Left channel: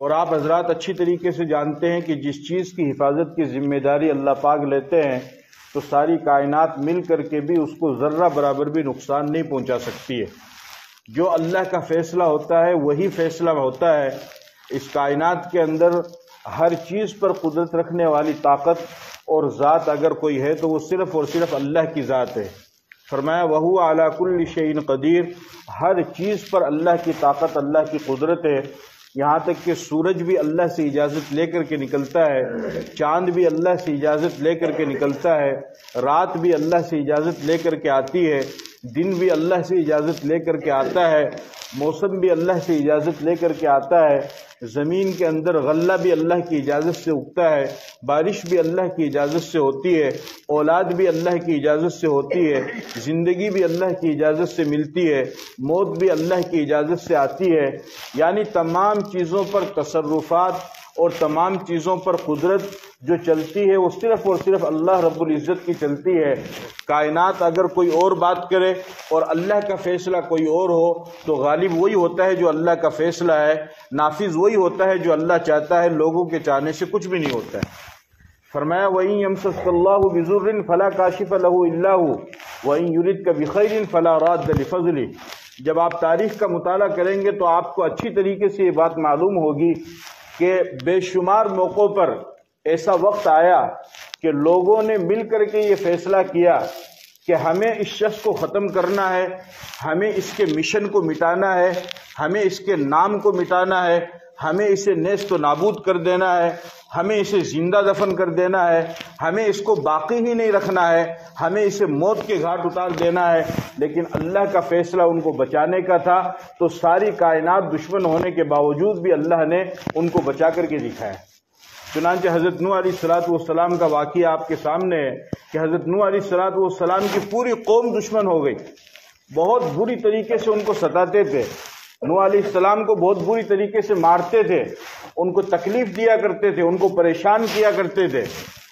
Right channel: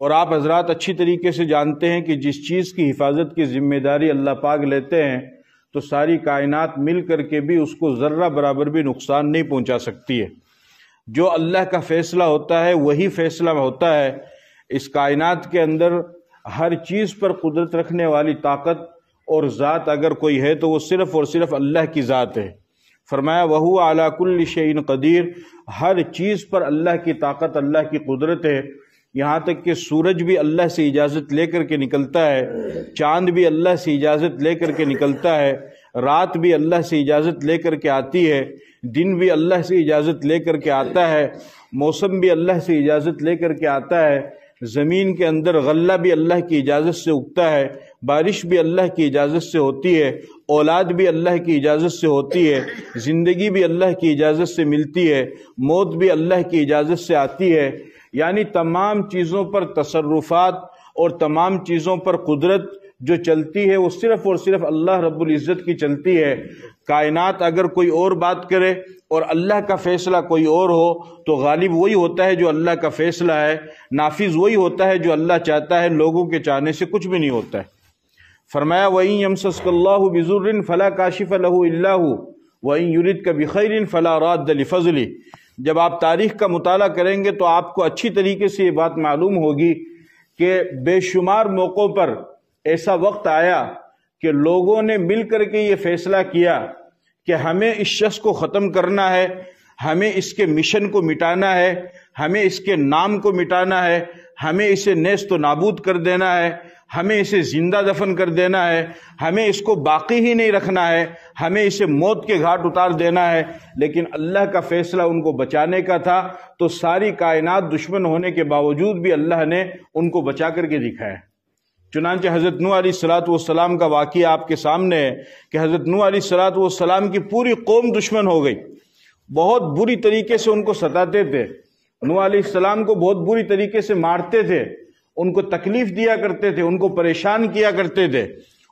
اور آپ حضرات اچھی طریقے سے جانتے ہیں کہ جس چیز کی حفاظت کی ذمہ داری اللہ پاک لیتے ہیں تو ساری کائنات مل کر کے بھی اس کو ذرہ برابر بھی نقصان نہیں پہنچا سکتی ہے۔ جو اللہ کا فیصلہ ہوتا ہے وہی فیصلہ ہوتا ہے۔ اس کائنات کے اندر ہر چیز پر قدرت رکھنے والی طاقت اور ذات اگر کوئی ہے تو وہ صرف اور صرف اللہ کی ذات ہے۔ فرمایا وَهُوَ عَلَى كُلِّ شَيْءٍ قَدِيرٌ، ہر چیز پر اللہ کی طاقت، اللہ کی قدرت ہے۔ یہاں تک کہ سورج بھی اللہ سے اجازت لے کر کے نکلتا ہے، چاند بھی اللہ سے اجازت لے کر کے نکلتا ہے، رات بھی اللہ سے اجازت لے کر کے آتی ہے، دن بھی اللہ سے اجازت لے کر کے آتا ہے، موسم بھی اللہ سے اجازت لے کر کے آتا ہے، زمین کے اندر غلہ بھی اللہ کی اجازت سے اگتا ہے، بارش بھی اللہ کی اجازت سے ہوتی ہے، اولاد بھی اللہ کی اجازت سے ہوتی ہے، زندگی بھی اللہ کی اجازت سے ملتی ہے، موت بھی اللہ کی اجازت سے آتی ہے۔ یعنی تمام چیزوں پر تصرفات اور تمام چیزوں پر قدرت جو چلتی ہے وہ صرف اور صرف اللہ رب العزت کی چلتی ہے۔ کائنات اگر کوئی اور بات کرے اور اللہ کا فیصلہ کوئی اور ہو تو غالب وہی ہوتا ہے جو اللہ کا فیصلہ ہے، نافذ وہی ہوتا ہے جو اللہ چاہتا ہے، لوگوں کے چاہنے سے کچھ بھی نہیں ہوتا ہے۔ فرمایا وَإِن يَمْسَسْكَ اللَّهُ بِضُرٍّ فَلَا كَاشِفَ لَهُ إِلَّا هُوَ وَإِن يُرِدْكَ بِخَيْرٍ فَلَا رَادَّ لِفَضْلِهِ۔ جب آپ تاریخ کا مطالعہ کریں گے تو آپ کو اچھی طریقے سے یہ بات معلوم ہوگی کہ بے شمار موقعوں پر ایسا وقت آیا کہ لوگوں نے مل کر کے یہ فیصلہ کیا کہ ہمیں اس شخص کو ختم کرنا ہے، ہمیں اس کے مشن کو مٹانا ہے، ہمیں اس کے نام کو مٹانا ہے، ہمیں اسے نیست و نابود کر دینا ہے، ہمیں اسے زندہ دفن کر دینا ہے، ہمیں اس کو باقی ہی نہیں رکھنا ہے، ہمیں اسے موت کے گھاٹ اتار دینا ہے۔ لیکن اللہ کا فیصلہ ان کو بچانے کا تھا، تو ساری کائنات دشمن ہونے کے باوجود بھی اللہ نے ان کو بچا کر کے دکھایا۔ چنانچہ حضرت نوح علیہ السلام کا واقعہ آپ کے سامنے ہے کہ حضرت نوح علیہ السلام کی پوری قوم دشمن ہو گئی، بہت بری طریقے سے ان کو ستاتے تھے، نوح علیہ السلام کو بہت بری طریقے سے مارتے تھے، ان کو تکلیف دیا کرتے تھے، ان کو پریشان کیا کرتے تھے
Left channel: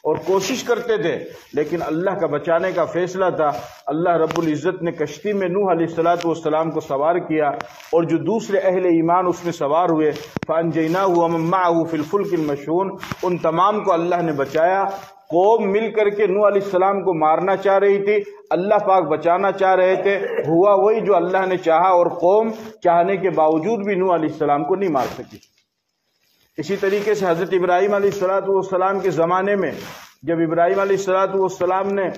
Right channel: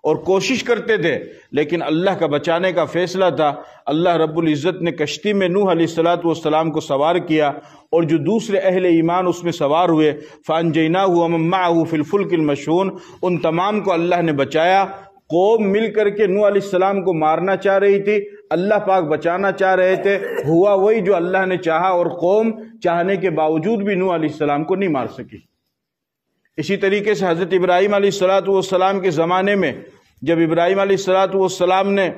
اور کوشش کرتے تھے، لیکن اللہ کا بچانے کا فیصلہ تھا۔ اللہ رب العزت نے کشتی میں نوح علیہ السلام کو سوار کیا اور جو دوسرے اہل ایمان اس میں سوار ہوئے، فَأَنْجَيْنَاهُ وَمَن مَّعَهُ فِي الْفُلْكِ الْمَشْحُونِ، ان تمام کو اللہ نے بچایا۔ قوم مل کر کے نوح علیہ السلام کو مارنا چاہ رہی تھی، اللہ پاک بچانا چاہ رہے تھے، ہوا وہی جو اللہ نے چاہا، اور قوم چاہنے کے باوجود بھی نوح علیہ السلام کو نہیں مار سکی۔ اسی طریقے سے حضرت ابراہیم علیہ السلام کے زمانے میں جب ابراہیم علیہ السلام نے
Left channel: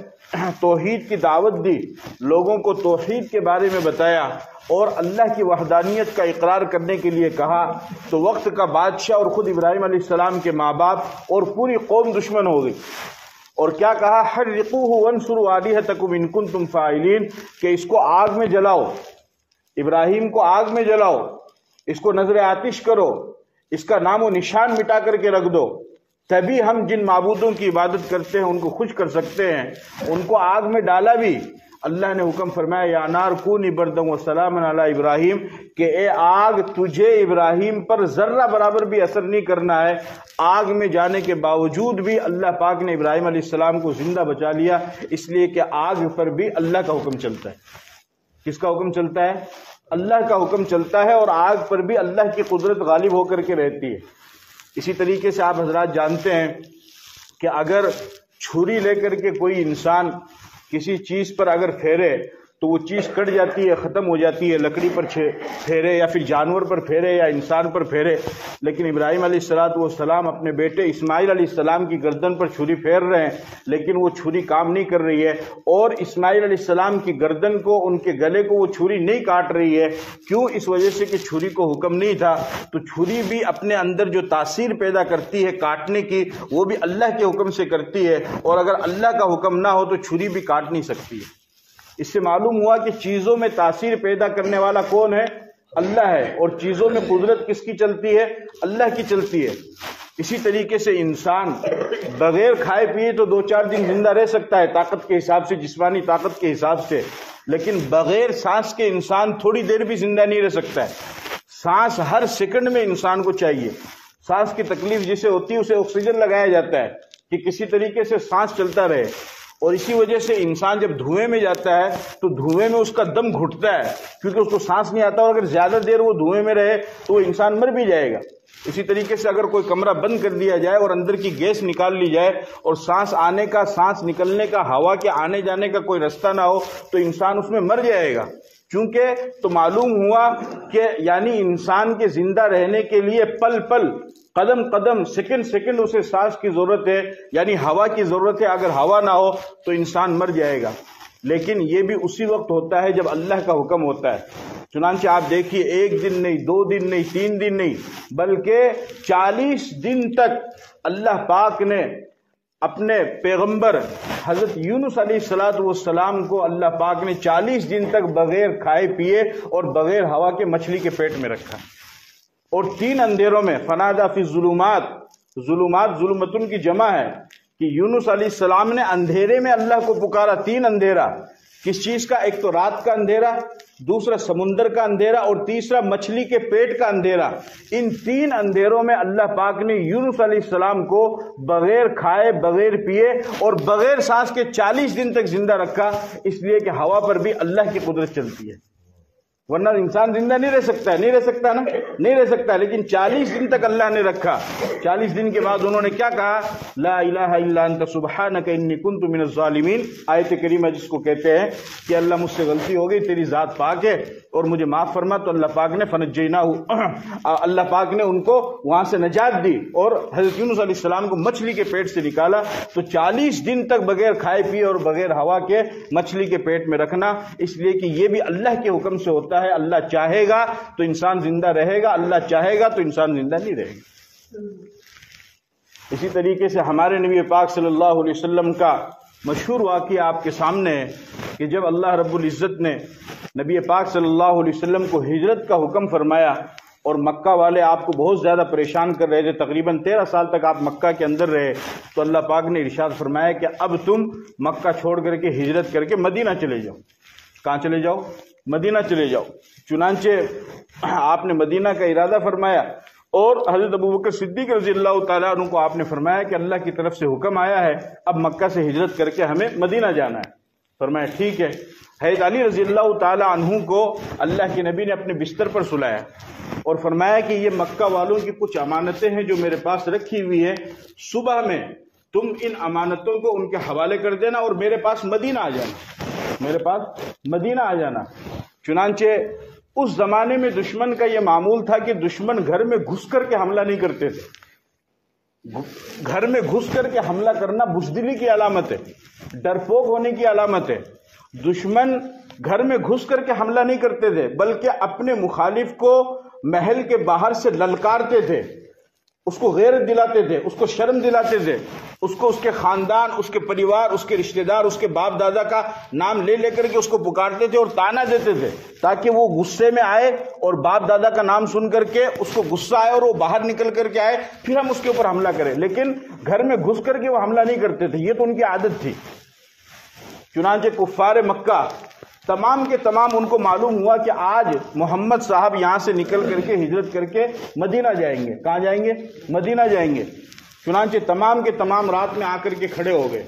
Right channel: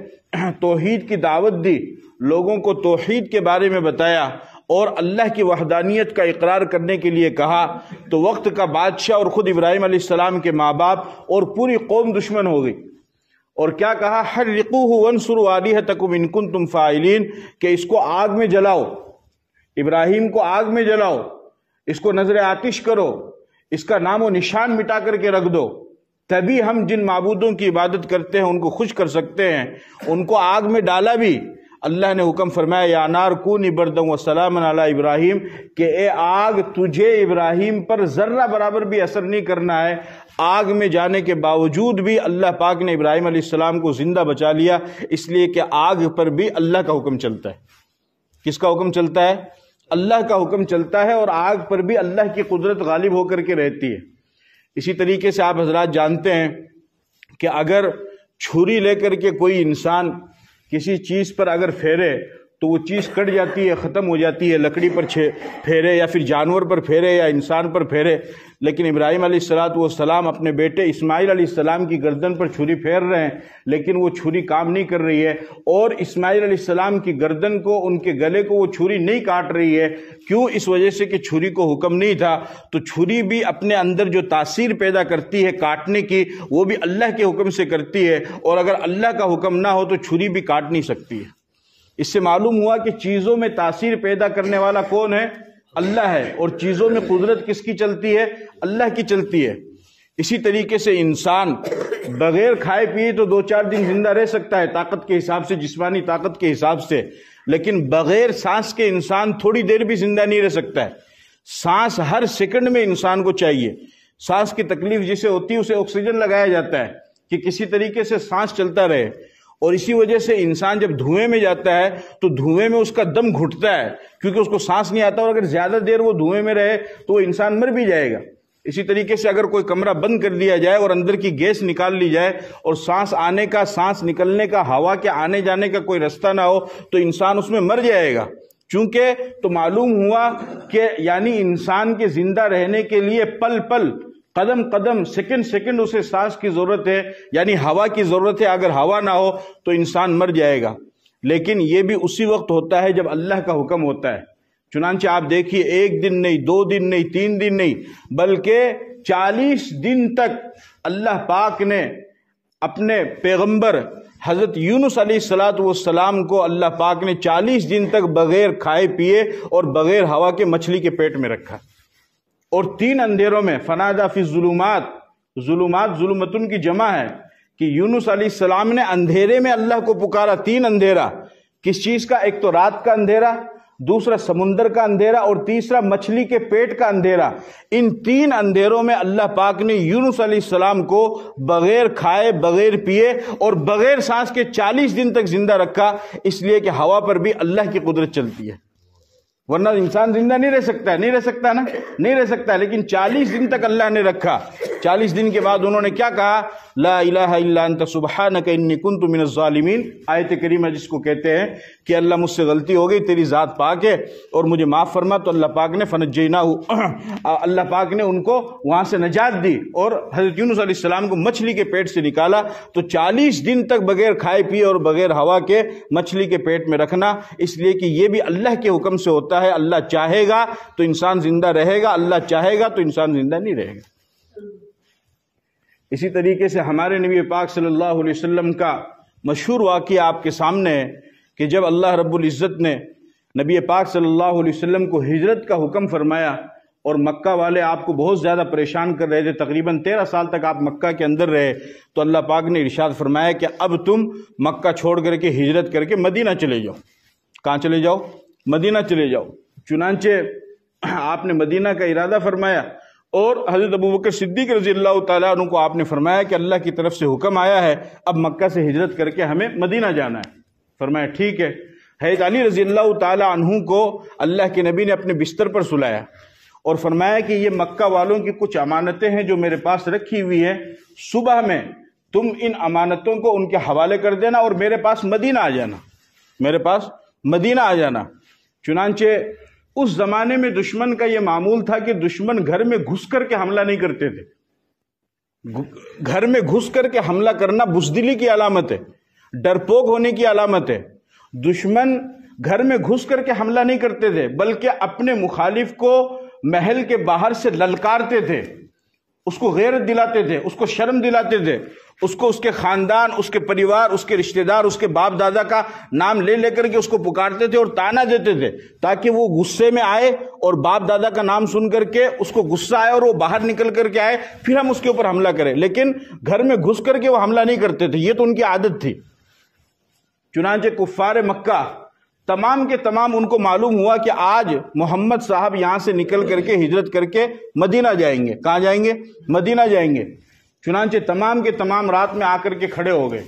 توحید کی دعوت دی، لوگوں کو توحید کے بارے میں بتایا اور اللہ کی وحدانیت کا اقرار کرنے کے لیے کہا، تو وقت کا بادشاہ اور خود ابراہیم علیہ السلام کے ماں باپ اور پوری قوم دشمن ہو گئی، اور کیا کہا، حرقوہ وانصروا آلہتکم ان کنتم فاعلین، کہ اس کو آگ میں جلاؤ، ابراہیم کو آگ میں جلاؤ، اس کو نذر آتش کرو، اس کا نام و نشان مٹا کر کے رکھ دو، تبھی ہم جن معبودوں کی عبادت کرتے ہیں ان کو خوش کر سکتے ہیں۔ ان کو آگ میں ڈالا بھی، اللہ نے حکم فرمایا یا نار کونی بردا وسلاما علی ابراہیم، کہ اے آگ تجھے ابراہیم پر ذرہ برابر بھی اثر نہیں کرنا ہے۔ آگ میں جانے کے باوجود بھی اللہ پاک نے ابراہیم علیہ السلام کو زندہ بچا لیا، اس لیے کہ آگ پر بھی اللہ کا حکم چلتا ہے۔ کس کا حکم چلتا ہے؟ اللہ کا حکم چلتا ہے، اور آگ پر بھی اللہ کی قدرت غالب ہو کر کے رہتی ہے۔ اسی طریقے سے آپ حضرات جانتے ہیں کہ اگر چھری لے کر کے کوئی انسان کسی چیز پر اگر پھیرے تو وہ چیز کٹ جاتی ہے، ختم ہو جاتی ہے، لکڑی پر پھیرے یا پھر جانور پر پھیرے یا انسان پر پھیرے، لیکن ابراہیم علیہ السلام اپنے بیٹے اسماعیل علیہ السلام کی گردن پر چھری پھیر رہے ہیں، لیکن وہ چھری کام نہیں کر رہی ہے، اور اسماعیل علیہ السلام کی گردن کو، ان کے گلے کو وہ چھری نہیں کاٹ رہی ہے۔ کیوں؟ اس وجہ سے کہ چھری کو حکم نہیں تھا۔ تو چھری بھی اپنے اندر جو تاثیر پیدا کرتی ہے کاٹنے کی، وہ بھی اللہ کے حکم سے کرتی ہے، اور اگر اللہ کا حکم نہ ہو تو چھری بھی کاٹ نہیں سکتی ہے۔ اس سے معلوم ہوا کہ چیزوں میں تاثیر پیدا کرنے والا کون ہے؟ اللہ ہے، اور چیزوں میں قدرت کس کی چلتی ہے؟ اللہ کی چلتی ہے۔ اسی طریقے سے انسان بغیر کھائے پیے تو 2-4 دن زندہ رہ سکتا ہے طاقت کے حساب سے، جسمانی طاقت کے حساب سے، لیکن بغیر سانس کے انسان تھوڑی دیر بھی زندہ نہیں رہ سکتا ہے۔ سانس ہر سیکنڈ میں انسان کو چاہیے۔ سانس کی تکلیف جسے ہوتی ہے اسے آکسیجن لگایا جاتا ہے کہ کسی طریقے سے سانس چلتا رہے، اور اسی وجہ سے انسان جب دھوئیں میں جاتا ہے تو دھوئیں میں اس کا دم گھٹتا ہے، کیونکہ اس کو سانس نہیں آتا، اور اگر زیادہ دیر وہ دھوئیں میں رہے تو وہ انسان مر بھی جائے گا۔ اسی طریقے سے اگر کوئی کمرہ بند کر دیا جائے اور اندر کی گیس نکال لی جائے اور سانس آنے کا، سانس نکلنے کا، ہوا کے آنے جانے کا کوئی رستہ نہ ہو تو انسان اس میں مر جائے گا. چونکہ تو معلوم ہوا کہ یعنی انسان کے زندہ رہنے کے لیے پل پل، قدم قدم، سیکنڈ سیکنڈ اسے سانس کی ضرورت ہے، یعنی ہوا کی ضرورت ہے. اگر ہوا نہ ہو تو انسان مر جائے گا. لیکن یہ بھی اسی وقت ہوتا ہے جب اللہ کا حکم ہوتا ہے. چنانچہ آپ دیکھیے، 1 دن نہیں، 2 دن نہیں، 3 دن نہیں، بلکہ 40 دن تک اللہ پاک نے اپنے پیغمبر حضرت یونس علیہ السلام کو اللہ پاک نے 40 دن تک بغیر کھائے پیے اور بغیر ہوا کے مچھلی کے پیٹ میں رکھا، اور 3 اندھیروں میں. فنادا فی الظلمات، ظلمات ظلمتن کی جمع ہے کہ یونس علیہ السلام نے اندھیرے میں اللہ کو پکارا. 3 اندھیرا، کس چیز کا؟ ایک تو رات کا اندھیرا، دوسرا سمندر کا اندھیرا، اور تیسرا مچھلی کے پیٹ کا اندھیرا. ان 3 اندھیروں میں اللہ پاک نے یونس علیہ السلام کو بغیر کھائے، بغیر پیے اور بغیر سانس کے 40 دن تک زندہ رکھا. اس لیے کہ ہوا پر بھی اللہ کی قدرت چلتی ہے، ورنہ انسان زندہ نہیں رہ سکتا ہے. نہیں رہ سکتا نا، نہیں رہ سکتا. لیکن 40 دن تک اللہ نے رکھا. 40 دن کے بعد انہوں نے کیا کہا؟ لا الہ الا انت سبحانک انی کنت من الظالمین. آیت کریمہ جس کو کہتے ہیں کہ اللہ مجھ سے غلطی ہو گئی، تیری ذات پاک ہے اور مجھے معاف فرما. تو اللہ پاک نے فنجیناہ، اللہ پاک نے ان کو وہاں سے نجات دی اور حضرت یونس علیہ السلام کو مچھلی کے پیٹ سے نکالا. تو 40 دن تک بغیر کھائے پیے اور بغیر ہوا کے مچھلی کے پیٹ میں رکھنا، اس لیے کہ یہ بھی اللہ کے حکم سے ہوتا ہے. اللہ چاہے گا تو انسان زندہ رہے گا، اللہ چاہے گا تو انسان زندہ نہیں رہے گا. اسی طریقے سے ہمارے نبی پاک صلی اللہ علیہ وسلم کا مشہور واقعہ آپ کے سامنے ہے کہ جب اللہ رب العزت نے نبی پاک صلی اللہ علیہ وسلم کو ہجرت کا حکم فرمایا اور مکہ والے آپ کو بہت زیادہ پریشان کر رہے تھے، تقریباً 13 سال تک آپ مکہ کے اندر رہے، تو اللہ پاک نے ارشاد فرمایا کہ اب تم مکہ چھوڑ کر کے ہجرت کر کے مدینہ چلے جاؤ. کہاں چلے جاؤ؟ مدینہ چلے جاؤ. چنانچہ آپ نے مدینہ کا ارادہ فرمایا اور حضرت ابوبکر صدیق رضی اللہ تعالیٰ عنہ کو آپ نے فرمایا کہ اللہ کی طرف سے حکم آیا ہے، اب مکہ سے ہجرت کر کے ہمیں مدینہ جانا ہے. فرمایا ٹھیک ہے. حضرت علی رضی اللہ تعالیٰ عنہ کو اللہ کے نبی نے اپنے بستر پر سلایا اور فرمایا کہ یہ مکہ والوں کی کچھ امانتیں ہیں جو میرے پاس رکھی ہوئی ہیں، صبح میں تم ان امانتوں کو ان کے حوالے کر دینا اور میرے پاس مدینہ آ جانا، میرے پاس مدینہ آ جانا. چنانچہ اس زمانے میں دشمن کا یہ معمول تھا کہ دشمن گھر میں گھس کر کے حملہ نہیں کرتے تھے. گھر میں گھس کر کے حملہ کرنا بزدلی کی علامت ہے، ڈرپوک ہونے کی علامت ہے. دشمن گھر میں گھس کر کے حملہ نہیں کرتے تھے بلکہ اپنے مخالف کو محل کے باہر سے للکارتے تھے، اس کو غیرت دلاتے تھے، اس کو شرم دلاتے تھے، اس کو اس کے خاندان، اس کے پریوار، اس کے رشتہ دار، اس کے باپ دادا کا نام لے لے کر کے اس کو پکارتے تھے اور تانا دیتے تھے تاکہ وہ غصے میں آئے اور باپ دادا کا نام سن کر کے اس کو غصہ آئے اور وہ باہر نکل کر کے آئے، پھر ہم اس کے اوپر حملہ کریں. لیکن گھر میں گھس کر کے وہ حملہ نہیں کرتے تھے، یہ تو ان کی عادت تھی. چنانچہ کفار مکہ تمام کے تمام ان کو معلوم ہوا کہ آج محمد صاحب یہاں سے نکل کر کے ہجرت کر کے مدینہ جائیں گے. کہاں جائیں گے؟ مدینہ جائیں گے. چنانچہ تمام کے تمام رات میں آ کر کے کھڑے ہو گئے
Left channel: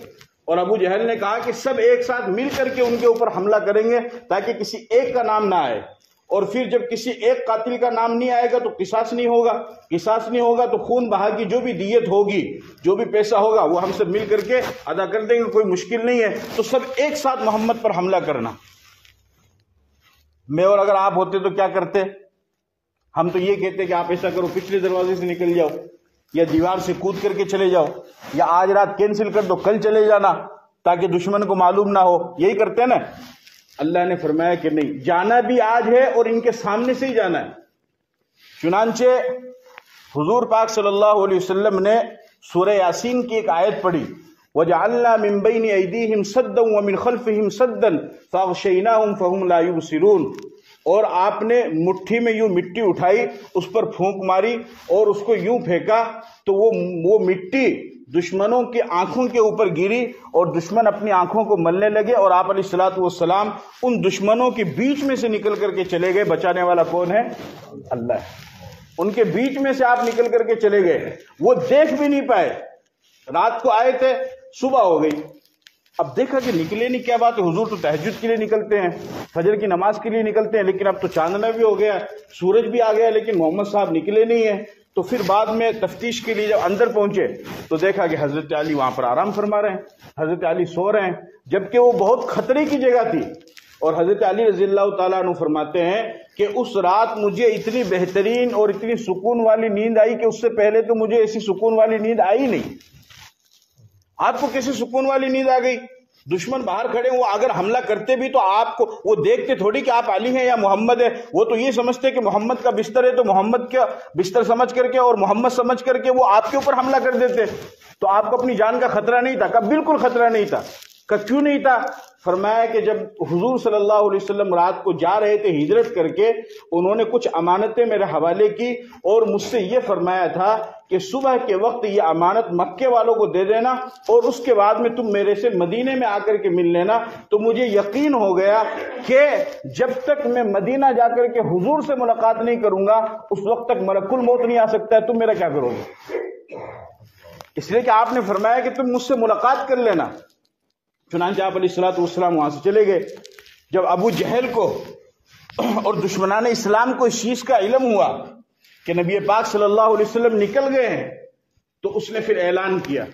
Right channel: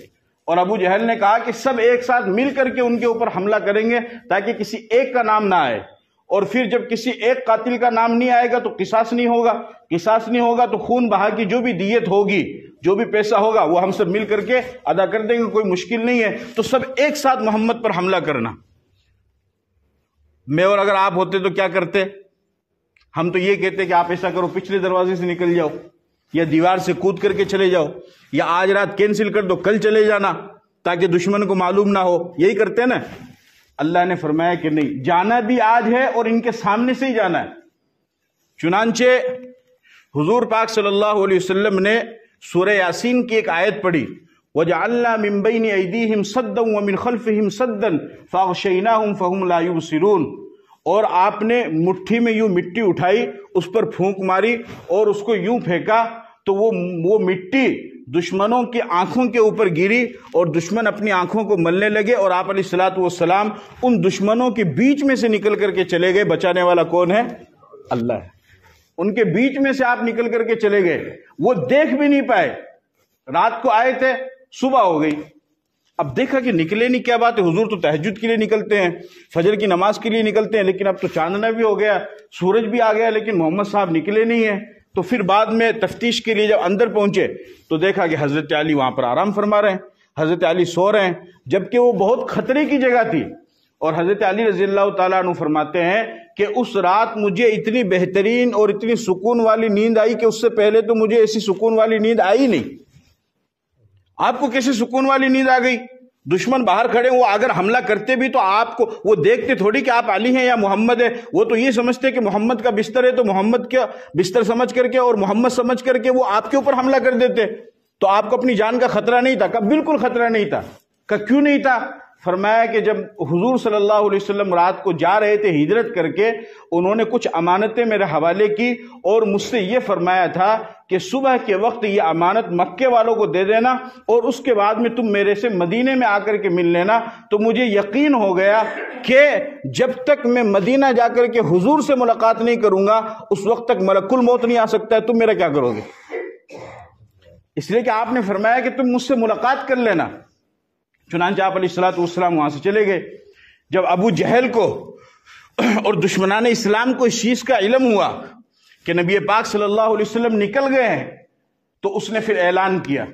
اور ابو جہل نے کہا کہ سب ایک ساتھ مل کر کے ان کے اوپر حملہ کریں گے تاکہ کسی ایک کا نام نہ آئے، اور پھر جب کسی ایک قاتل کا نام نہیں آئے گا تو قصاص نہیں ہوگا، قصاص نہیں ہوگا تو خون بہا کی جو بھی دیت ہوگی، جو بھی پیسہ ہوگا وہ ہم سب مل کر کے ادا کر دیں گے، کوئی مشکل نہیں ہے. تو سب ایک ساتھ محمد پر حملہ کرنا. میں اور اگر آپ ہوتے تو کیا کرتے؟ ہم تو یہ کہتے کہ آپ ایسا کرو، پچھلے دروازے سے نکل جاؤ یا دیوار سے کود کر کے چلے جاؤ یا آج رات کینسل کر دو، کل چلے جانا تاکہ دشمن کو معلوم نہ ہو. یہی کرتے ہیں نا. اللہ نے فرمایا کہ نہیں، جانا بھی آج ہے اور ان کے سامنے سے ہی جانا ہے. چنانچہ حضور پاک صلی اللہ علیہ وسلم نے سورہ یاسین کی ایک آیت پڑھی، وَجَعَلْنَا مِن بَيْنِ أَيْدِيهِمْ سَدًّا وَمِنْ خَلْفِهِمْ سَدًّا فَأَغْشَيْنَاهُمْ فَهُمْ لَا يُبْصِرُونَ. اور آپ نے مٹھی میں یوں مٹی اٹھائی، اس پر پھونک ماری اور اس کو یوں پھینکا تو وہ مٹی دشمنوں کی آنکھوں کے اوپر گری اور دشمن اپنی آنکھوں کو ملنے لگے اور آپ علیہ الصلوۃ والسلام ان دشمنوں کے بیچ میں سے نکل کر کے چلے گئے. بچانے والا کون ہے؟ اللہ ہے. ان کے بیچ میں سے آپ نکل کر کے چلے گئے. وہ دیکھ بھی نہیں پائے. رات کو آئے تھے، صبح ہو گئی. اب دیکھا کہ نکلے نہیں، کیا بات ہے، حضور تو تہجد کے لیے نکلتے ہیں، فجر کی نماز کے لیے نکلتے ہیں، لیکن اب تو چاندنا بھی ہو گیا، سورج بھی آ گیا، لیکن محمد صاحب نکلے نہیں ہیں. تو پھر بعد میں تفتیش کے لیے جب اندر پہنچے تو دیکھا کہ حضرت علی وہاں پر آرام فرما رہے ہیں، حضرت علی سو رہے ہیں، جبکہ وہ بہت خطرے کی جگہ تھی۔ اور حضرت علی رضی اللہ تعالیٰ عنہ فرماتے ہیں کہ اس رات مجھے اتنی بہترین اور اتنی سکون والی نیند آئی کہ اس سے پہلے تو مجھے ایسی سکون والی نیند آئی نہیں۔ آپ کو کیسے سکون والی نیند آ گئی؟ دشمن باہر کھڑے وہ اگر حملہ کرتے بھی تو آپ کو وہ دیکھتے تھوڑی کہ آپ علی ہیں یا محمد ہے، وہ تو یہ سمجھتے کہ محمد کا بستر ہے تو محمد کا بستر سمجھ کر کے اور محمد سمجھ کر کے وہ آپ کے اوپر حملہ کر دیتے۔ تو آپ کو اپنی جان کا خطرہ نہیں تھا؟ کہ بالکل خطرہ نہیں تھا۔ کہ کیوں نہیں تھا؟ فرمایا کہ جب حضور صلی اللہ علیہ وسلم رات کو جا رہے تھے ہجرت کر کے، انہوں نے کچھ امانتیں میرے حوالے کی اور مجھ سے یہ فرمایا تھا کہ صبح کے وقت یہ امانت مکے والوں کو دے دینا اور اس کے بعد میں تم میرے سے مدینے میں آ کر کے مل لینا۔ تو مجھے یقین ہو گیا کہ جب تک میں مدینہ جا کر کے حضور سے ملاقات نہیں کروں گا اس وقت تک ملک الموت نہیں آ سکتا ہے، تم میرا کیا کرو گے؟ اس لیے کہ آپ نے فرمایا کہ تم مجھ سے ملاقات کر لینا۔ چنانچہ آپ علیہ السلام وہاں سے چلے گئے۔ جب ابو جہل کو اور دشمنان اسلام کو اس چیز کا علم ہوا کہ نبی پاک صلی اللہ علیہ وسلم نکل گئے ہیں تو اس نے پھر اعلان کیا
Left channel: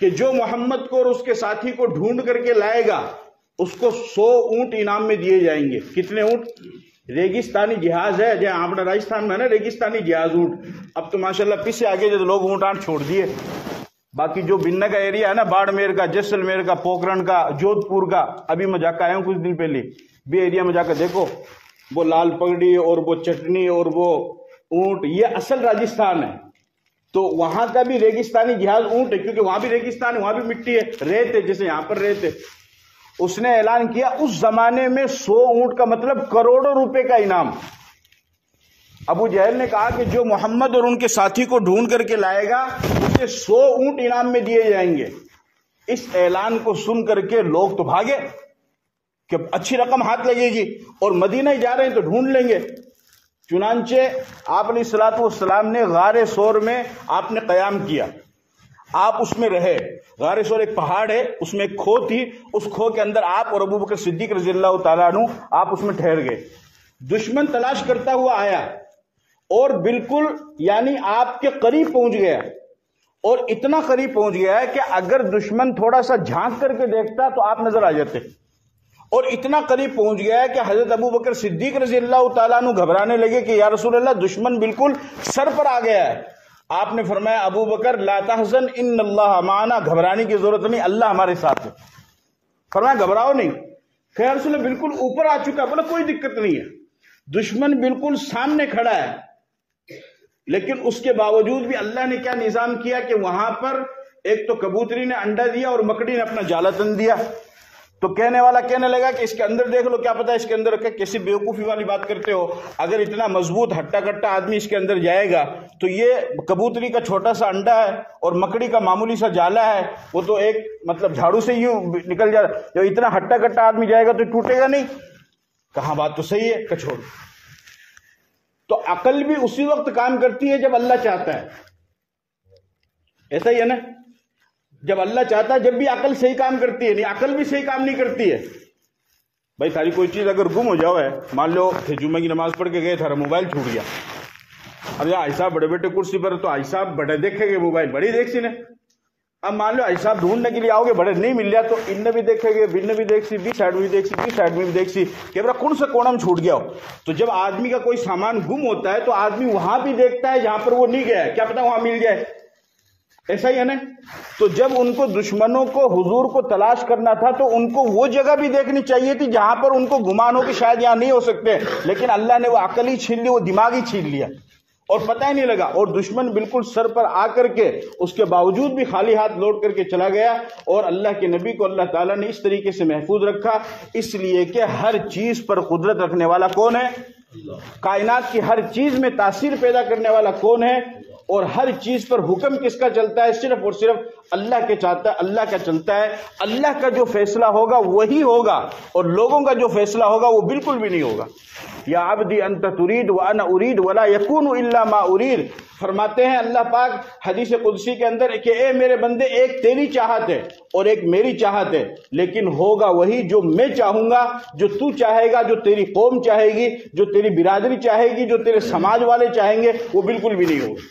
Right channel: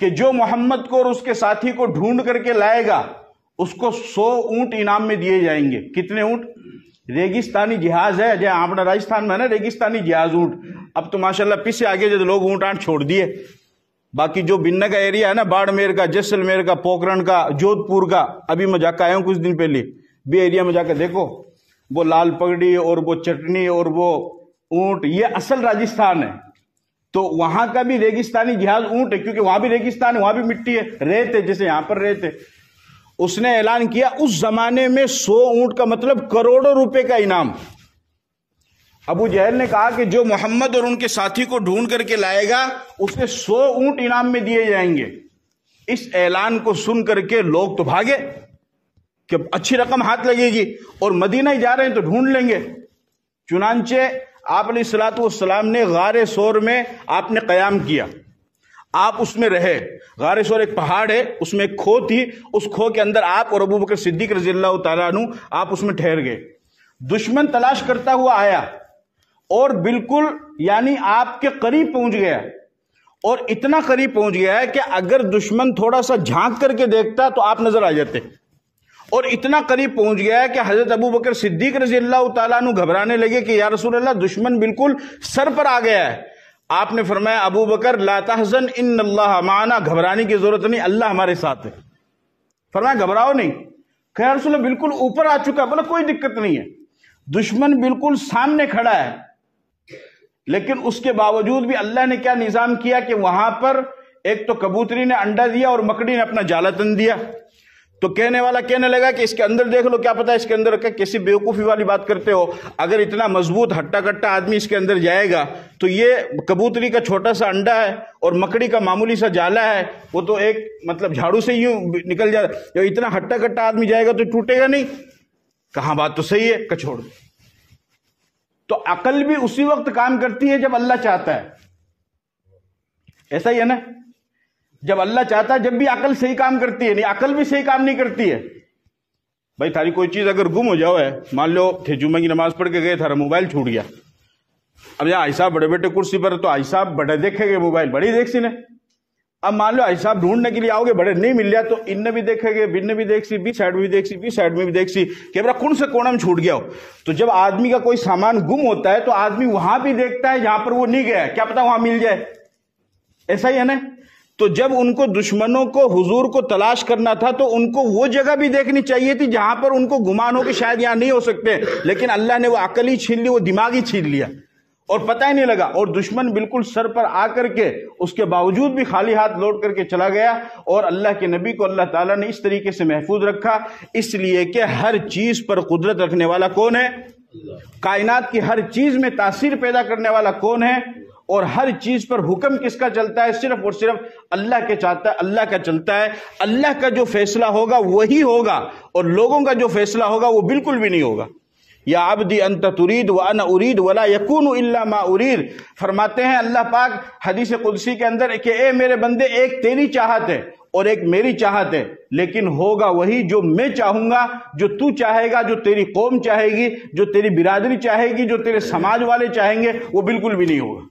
کہ جو محمد کو اور اس کے ساتھی کو ڈھونڈ کر کے لائے گا اس کو 100 اونٹ انعام میں دیے جائیں گے۔ کتنے اونٹ؟ ریگستانی جہاز ہے جہاں اپنا راجستھان میں ہے نا ریگستانی جہاز اونٹ۔ اب تو ماشاءاللہ پیچھے آگے جو لوگ اونٹ آنٹ چھوڑ دیے، باقی جو بننا کا ایریا ہے نا، باڑمیر کا، جیسلمیر کا، پوکرن کا، جودھ پور کا، ابھی میں جا کے آیا ہوں کچھ دن پہلے، بھی ایریا میں جا کر دیکھو وہ لال پگڑی اور وہ چٹنی اور وہ اونٹ، یہ اصل راجستھان ہے۔ تو وہاں کا بھی ریگستانی جہاز اونٹ ہے کیونکہ وہاں بھی ریگستان ہے، وہاں بھی مٹی ہے، ریت ہے جیسے یہاں پر ریت ہے۔ اس نے اعلان کیا اس زمانے میں 100 اونٹ کا مطلب کروڑوں روپے کا انعام۔ ابو جہل نے کہا کہ جو محمد اور ان کے ساتھی کو ڈھونڈ کر کے لائے گا اسے 100 اونٹ انعام میں دیے جائیں گے۔ اس اعلان کو سن کر کے لوگ تو بھاگے کہ اچھی رقم ہاتھ لگے گی اور مدینہ ہی جا رہے ہیں تو ڈھونڈ لیں گے۔ چنانچہ آپ علیہ السلام نے غار ثور میں آپ نے قیام کیا، آپ اس میں رہے۔ غار ثور ایک پہاڑ ہے، اس میں ایک کھو تھی، اس کھو کے اندر آپ اور ابو بکر صدیق رضی اللہ تعالیٰ عنہ آپ اس میں ٹھہر گئے۔ دشمن تلاش کرتا ہوا آیا اور بالکل یعنی آپ کے قریب پہنچ گیا، اور اتنا قریب پہنچ گیا ہے کہ اگر دشمن تھوڑا سا جھانک کر کے دیکھتا تو آپ نظر آ جاتے، اور اتنا قریب پہنچ گیا ہے کہ حضرت ابو بکر صدیق رضی اللہ تعالیٰ عنہ گھبرانے لگے کہ یا رسول اللہ دشمن بالکل سر پر آ گیا ہے۔ آپ نے فرمایا ابو بکر لا تحزن ان اللہ معنا، گھبرانے کی ضرورت نہیں، اللہ ہمارے ساتھ ہے۔ فرمایا گھبراؤ نہیں۔ کہ یا رسول اللہ بالکل اوپر آ چکا، بولا کوئی دقت نہیں ہے، دشمن بالکل سامنے کھڑا ہے۔ لیکن اس کے باوجود بھی اللہ نے کیا نظام کیا کہ وہاں پر ایک تو کبوتری نے انڈا دیا اور مکڑی نے اپنا جالا تن دیا۔ تو کہنے والا کہنے لگا کہ اس کے اندر دیکھ لو، کیا پتا اس کے اندر رکھا، کیسی بیوقوفی والی بات کرتے ہو، اگر اتنا مضبوط ہٹا کٹا آدمی اس کے اندر جائے گا تو یہ کبوتری کا چھوٹا سا انڈا ہے اور مکڑی کا معمولی سا جالا ہے، وہ تو ایک مطلب جھاڑو سے یوں نکل جاتا، اتنا ہٹا کٹا آدمی جائے گا تو ٹوٹے گا نہیں۔ کہاں بات تو صحیح ہے، کچھوڑ۔ تو عقل بھی اسی وقت کام کرتی ہے جب اللہ چاہتا ہے، ایسا ہی ہے نا، جب اللہ چاہتا ہے جب بھی عقل صحیح کام کرتی ہے، نہیں عقل بھی صحیح کام نہیں کرتی ہے۔ بھائی تھاری کوئی چیز اگر گم ہو جاؤ ہے، مان لو تھے جمعہ کی نماز پڑھ کے گئے، تھارا موبائل چھوٹ گیا، اب یہاں صاحب بڑے بیٹے کرسی پر تو صاحب بڑے دیکھے گے موبائل، بڑی دیکھ سی نے، اب مان لو صاحب ڈھونڈنے کے لیے آؤ گے، بڑے نہیں مل جائے تو ان نے بھی دیکھے گے، بن نے بھی دیکھ سی، بی سائڈ میں بھی دیکھ سی، بی سائڈ میں بھی دیکھ سی کہ برا کون سے کونے میں چھوٹ گیا ہو۔ تو جب آدمی کا کوئی سامان گم ہوتا ہے تو آدمی وہاں بھی دیکھتا ہے جہاں پر وہ نہیں گیا ہے، کیا پتا وہاں مل جائے، ایسا ہی ہے نا۔ تو جب ان کو دشمنوں کو حضور کو تلاش کرنا تھا تو ان کو وہ جگہ بھی دیکھنی چاہیے تھی جہاں پر ان کو گمان ہو کہ شاید یہاں نہیں ہو سکتے، لیکن اللہ نے وہ عقل ہی چھین لی، وہ دماغ ہی چھین لیا اور پتہ ہی نہیں لگا، اور دشمن بالکل سر پر آ کر کے اس کے باوجود بھی خالی ہاتھ لوٹ کر کے چلا گیا، اور اللہ کے نبی کو اللہ تعالیٰ نے اس طریقے سے محفوظ رکھا، اس لیے کہ ہر چیز پر قدرت رکھنے والا کون ہے؟ کائنات کی ہر چیز میں تاثیر پیدا کرنے والا کون ہے؟ اور ہر چیز پر حکم کس کا چلتا ہے؟ صرف اور صرف اللہ کے چاہتا ہے، اللہ کا چلتا ہے۔ اللہ کا جو فیصلہ ہوگا وہی ہوگا، اور لوگوں کا جو فیصلہ ہوگا وہ بالکل بھی نہیں ہوگا۔ یا عبدی انت ترید وانا ارید ولا یکون الا ما ارید. فرماتے ہیں اللہ پاک حدیث قدسی کے اندر کہ اے میرے بندے ایک تیری چاہت ہے اور ایک میری چاہت ہے، لیکن ہوگا وہی جو میں چاہوں گا، جو تو چاہے گا، جو تیری قوم چاہے گی، جو تیری برادری چاہے گی، جو تیرے سماج والے چاہیں گے، وہ بالکل بھی نہیں ہوگا.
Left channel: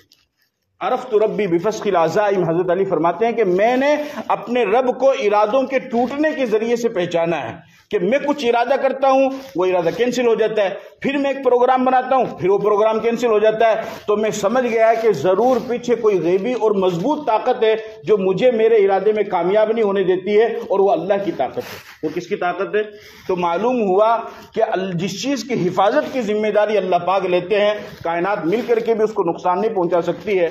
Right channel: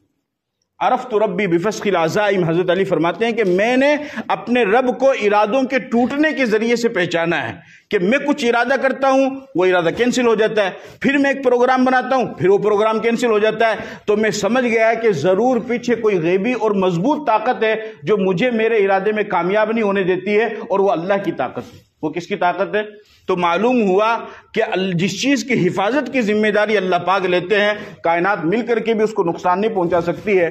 عرفت ربی بفسخ العزائم، حضرت علی فرماتے ہیں کہ میں نے اپنے رب کو ارادوں کے ٹوٹنے کے ذریعے سے پہچانا ہے کہ میں کچھ ارادہ کرتا ہوں، وہ ارادہ کینسل ہو جاتا ہے، پھر میں ایک پروگرام بناتا ہوں، پھر وہ پروگرام کینسل ہو جاتا ہے. تو میں سمجھ گیا کہ ضرور پیچھے کوئی غیبی اور مضبوط طاقت ہے جو مجھے میرے ارادے میں کامیاب نہیں ہونے دیتی ہے، اور وہ اللہ کی طاقت ہے. وہ کس کی طاقت ہے؟ تو معلوم ہوا کہ جس چیز کی حفاظت کی ذمہ داری اللہ پاک لیتے ہیں، کائنات مل کر کے بھی اس کو نقصان نہیں پہنچا سکتی ہے.